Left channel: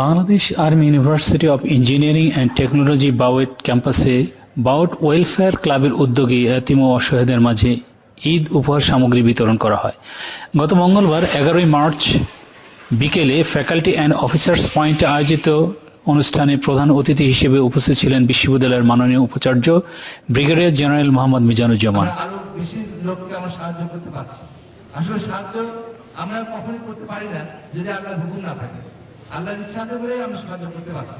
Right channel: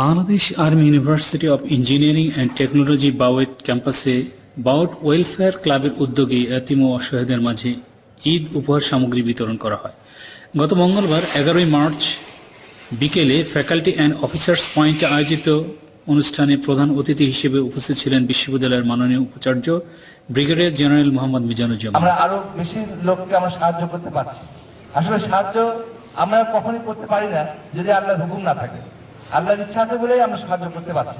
Bangladesh army university of engineering and technology BAUT ক্যাম্পাসে bout welfare ক্লাবের উদ্যোগে এতিম ও অসহায়দের মাঝে ঈদ উপহার সামগ্রী বিতরণ করা হয়। গত মঙ্গলবার এগারোই মার্চ বিকেলে ফ্যাকাল্টি অ্যান্ড অফিসার্স পয়েন্টে আয়োজিত অনুষ্ঠানে প্রধান অতিথি হিসেবে উপস্থিত ছিলেন বিশ্ববিদ্যালয়ের মাননীয় উপাচার্য ব্রিগেডিয়ার জেনারেল মোহাম্মদ মিজানুজ্জামান। আরও বেশি লোককে আমরা সাহায্য করতে পারছি। আসলে সাহায্য আমরা কখনই করতে পারি না যদি আল্লাহর হুকুম না থাকে। আল্লাহর ইচ্ছা আছে সাহায্য করতে পারছি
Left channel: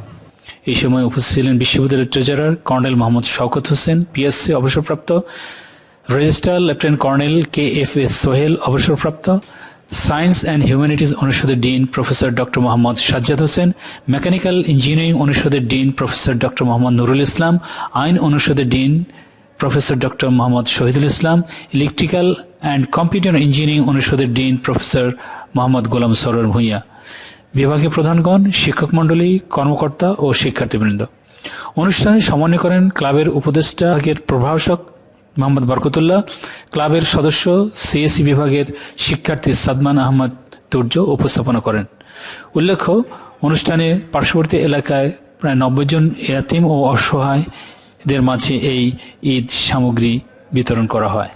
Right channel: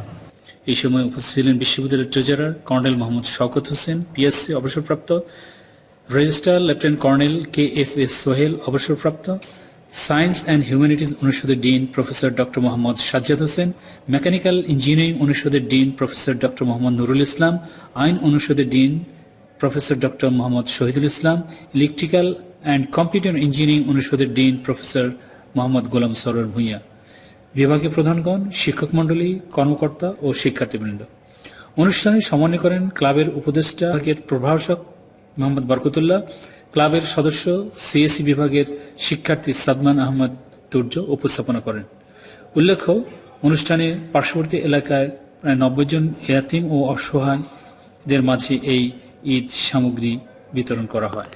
এই সময় উপস্থিত ছিলেন বিশ্ববিদ্যালয়ের treasurer colonel Mohammad Shawkat Hossain, PSC অবসরপ্রাপ্ত registrar lieutenant colonel K F S Sohel অবসরপ্রাপ্ত, সায়েন্স অ্যান্ড হিউম্যানিটিজ অনুষদের dean professor doctor Mohammad Sajjad Hossain, mechanical engineering অনুষদের dean professor doctor Mohammad Nurul Islam, আইন অনুষদের dean professor doctor Mohammad Shahidul Islam, electrical and computer engineering অনুষদের dean professor Mohammad Golam Sarwar Bhuiyan. বিভাগীয় প্রধানগণ, শিক্ষক মণ্ডলী, কর্মকর্তা ও শিক্ষার্থীবৃন্দ। অনুষ্ঠানে সমন্বয় করেন ক্লাবের উপদেষ্টা বিভাগের প্রভাষক মোহাম্মদ বরকতুল্লাহ, ক্লাবের সদস্য সিএসি বিভাগের শিক্ষার্থী সাদমান আহমদ তুর্য উপস্থাপনা করেন। উল্লেখ্য, অনুষ্ঠানে পার্শ্ববর্তী এলাকায় প্রায় নব্বই জন এয়াতিম ও অসহায়দের মাঝে এই ঈদ সামগ্রী বিতরণ করা হয়।